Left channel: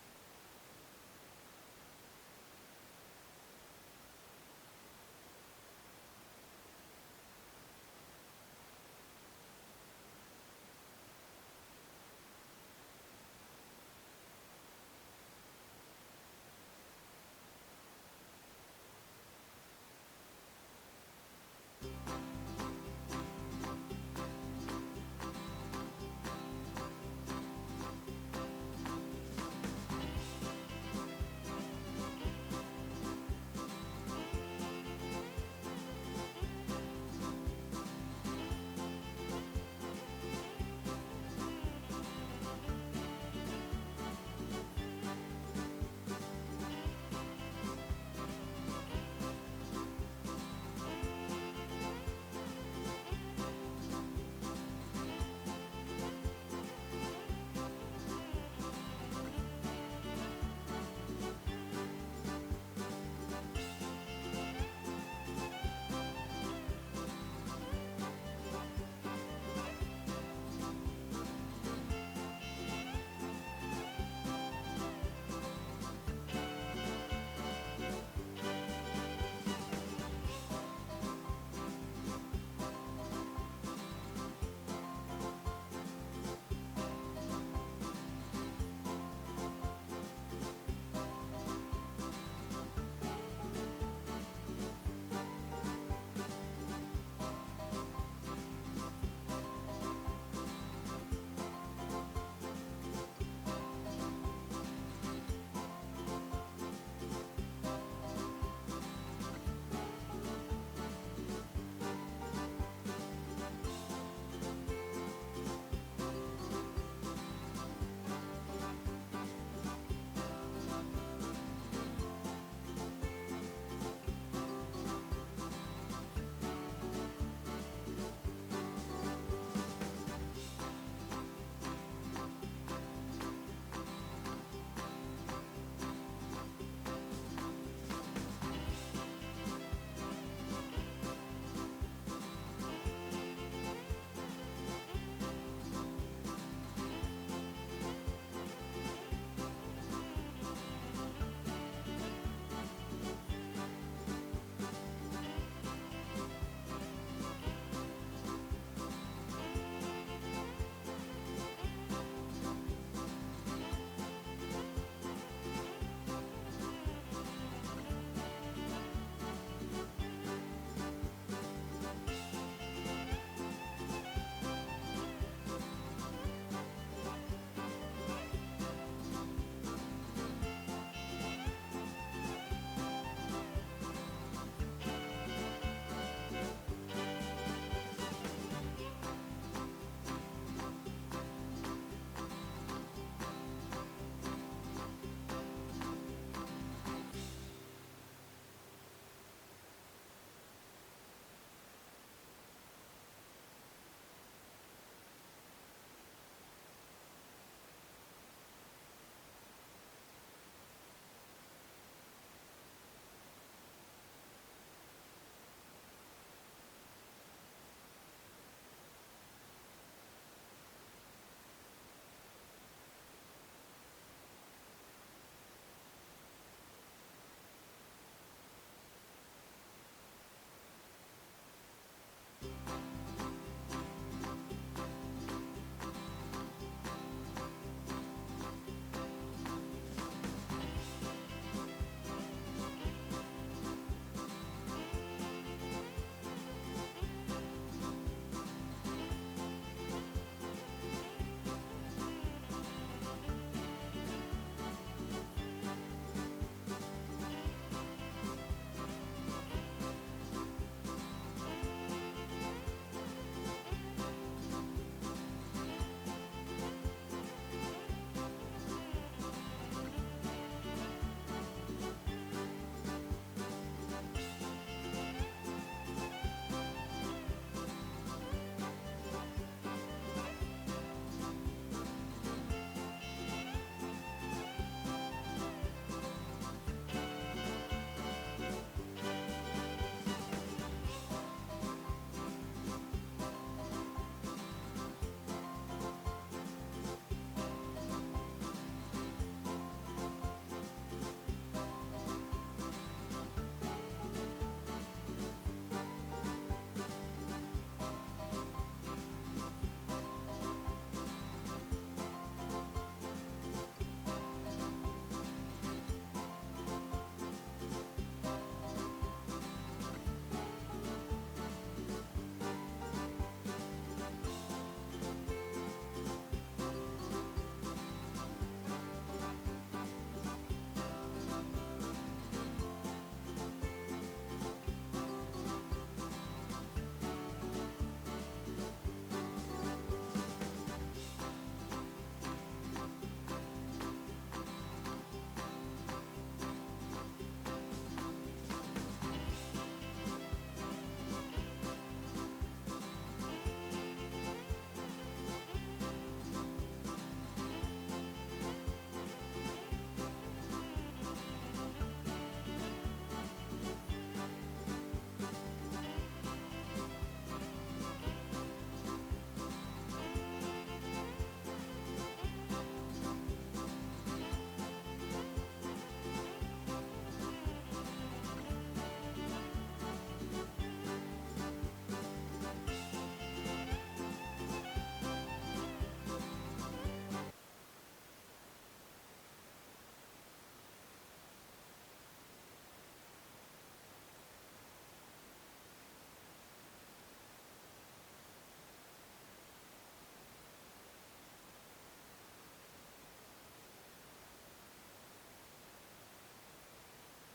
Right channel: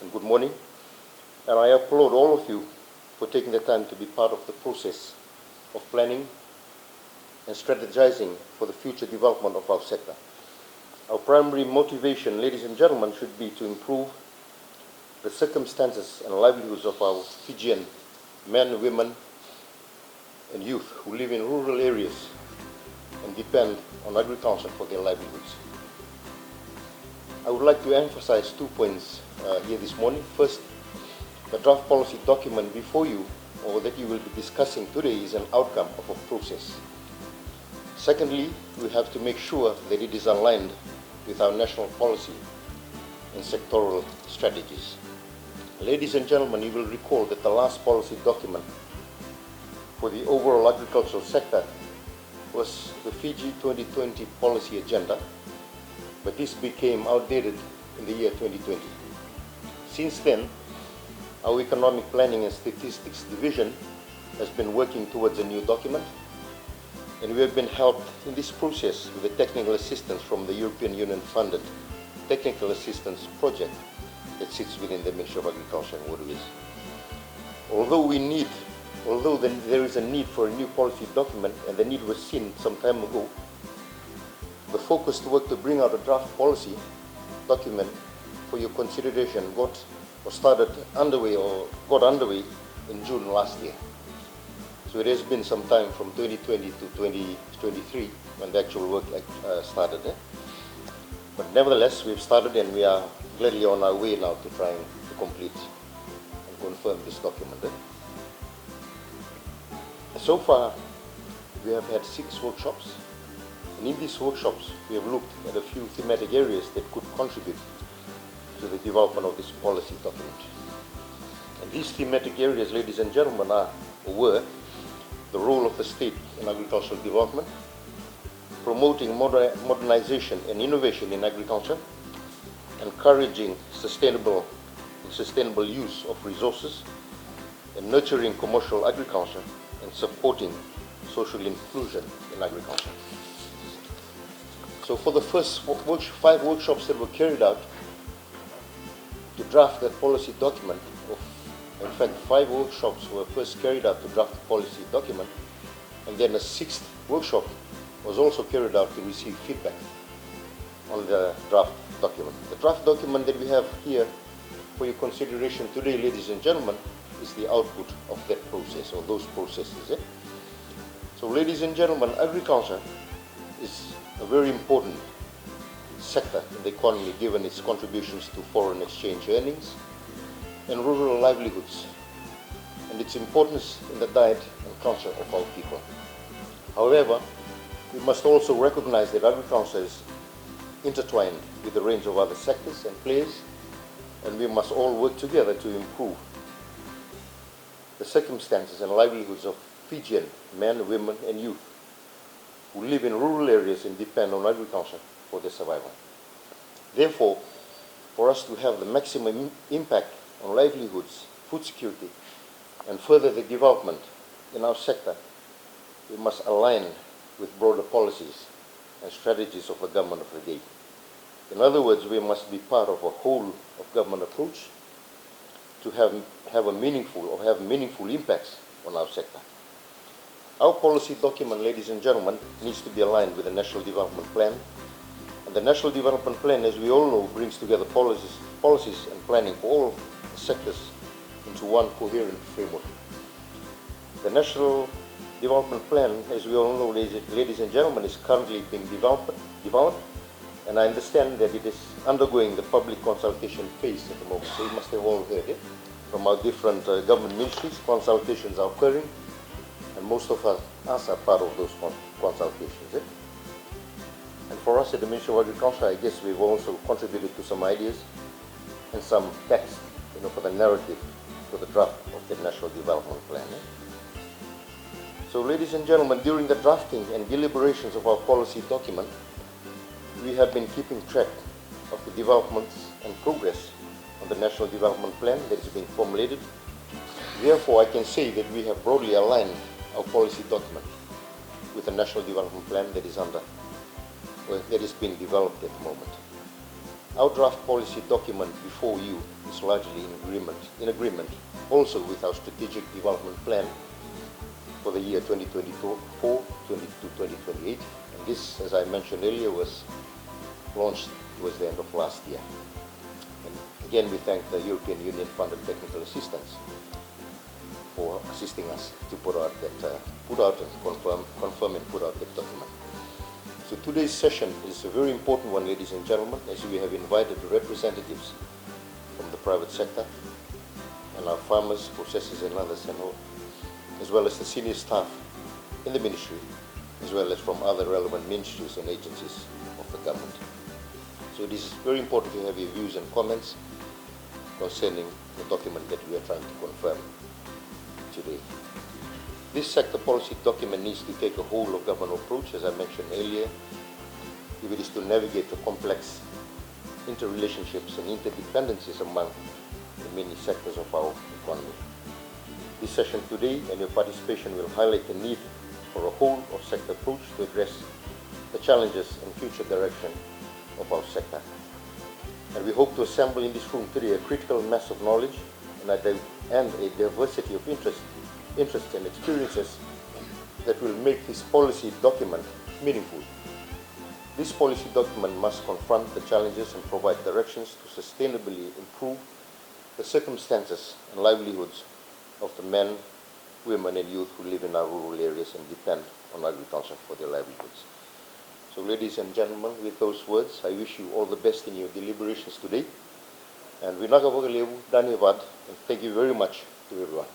and good morning. And I applaud all of you for taking the time to be part of the process of planning and strategizing for the future development of our sector. Our primary motivation, ladies and gentlemen, should be to improve the circumstances and livelihoods of our Fijian men, women, and youth who live in rural areas and depend on agriculture for their livelihoods. I would like to emphasize 2 points here this morning. First, the draft policy document before you, or that you will be discussing today, is an outcome of a process. Secondly, we have to make sure that it is aligned with our national policy and sectoral strategies. Ladies and gentlemen, you will recall that the last policy document for the overall agricultural sector was the Fiji 2020 policy agenda, but this became outdated in the year 2020. Since then, our Economic Planning and Statistics Division has been working towards a new document, and we have been helped in this process with the technical assistance from the European Union-funded Technical Assistance Project that sits within the Ministry of Agriculture and Waterways. Although there is a need for a new policy document, and the need was seen some time ago, the focused work to bring out a draft policy document for your consideration got underway in June last year. So it has been some time from 2020 to 2023 when the actual work started. But nevertheless, we've started and we are gladly on our way now to trying to complete and confirm this document. So far, we have had 6 workshops, and in these workshops, we have looked at a few thematic areas that could contribute to the development of this policy document. And these thematic areas, ladies and gentlemen, were the role of the state in agricultural development, promoting modernization and innovation in agriculture, encouraging sustainable use of resources, and nurturing commercial agriculture, and supporting social inclusion in agriculture. So for the first 5 workshops that were carried out to draft that policy document, in fact 5 workshops were first carried out to draft the policy document, and then a 6th workshop was also carried out to receive feedback on the draft document. The draft document that we have here for your consideration today, ladies and gentlemen, is the output of that process, or those processes. So ladies and gentlemen, agriculture is a very important sector in the economy given its contributions to foreign exchange earnings and rural livelihoods, and its importance in the diet and culture of our people. However, we must also recognize that agriculture is intertwined with a range of other sectors and players, and we must all work together to improve the circumstances and livelihoods of Fijian men, women, and youth who live in rural areas and depend on agriculture for their survival. Therefore, for us to have the maximum impact on livelihoods, food security, and further the development in our sector, we must align with broader policies and strategies of the government of the day. In other words, we must be part of a whole of government approach to have meaningful impacts on our sector. Our policy document, ladies and gentlemen, needs to be aligned with the National Development Plan. And the National Development Plan, as we all know, brings together policies and planning for all sectors into one coherent framework. The National Development Plan, as we all know, ladies and gentlemen, is currently being developed, and I understand that it is undergoing the public consultation phase at the moment. So you must have all heard it from our different government ministries. Consultations are occurring, and most of us are part of those consultations. And for us at the Ministry of Agriculture, I guess we've also contributed to some ideas and some text, for the narrative for the draft of the National Development Plan. So, ladies and gentlemen, during the drafting and deliberations of our policy document, we have been keeping track of the developments and progress on the National Development Plan that is being formulated. Therefore, I can say that we have broadly aligned our policy document with the National Development Plan that is being developed at the moment. Our draft policy document before you is is largely in agreement also with our strategic development plan for the year 2024 to 2028. And this, as I mentioned earlier, was launched towards the end of last year. And again, we thank the European Union funded technical assistance for assisting us to put out and confirm and put out that document. So today's session is a very important one, ladies and gentlemen, as we have invited representatives from the private sector and our farmers, processors and others, as well as the senior staff in the ministry, as well as from other relevant ministries and agencies of the government. So it is very important to have your views and comments concerning the document that we are trying to confirm today. This sector policy document needs to take a whole of government approach, as I mentioned earlier, if it is to navigate the complex interrelationships and interdependencies among the many sectors of our economy. This session today and your participation will highlight the need for a whole of sector approach to address the challenges and future direction of our sector. And we hope to assemble in this room today a critical mass of knowledge and a diversity of interests and experiences that will make this policy document meaningful. This policy document must confront the challenges and provide directions to sustainably improve the circumstances and livelihoods of the men, women and youth who live in our rural areas and depend on agriculture for their livelihoods. So ladies and gentlemen, with those words, I wish you all the best in your deliberations today. And we and thank you very much to everyone.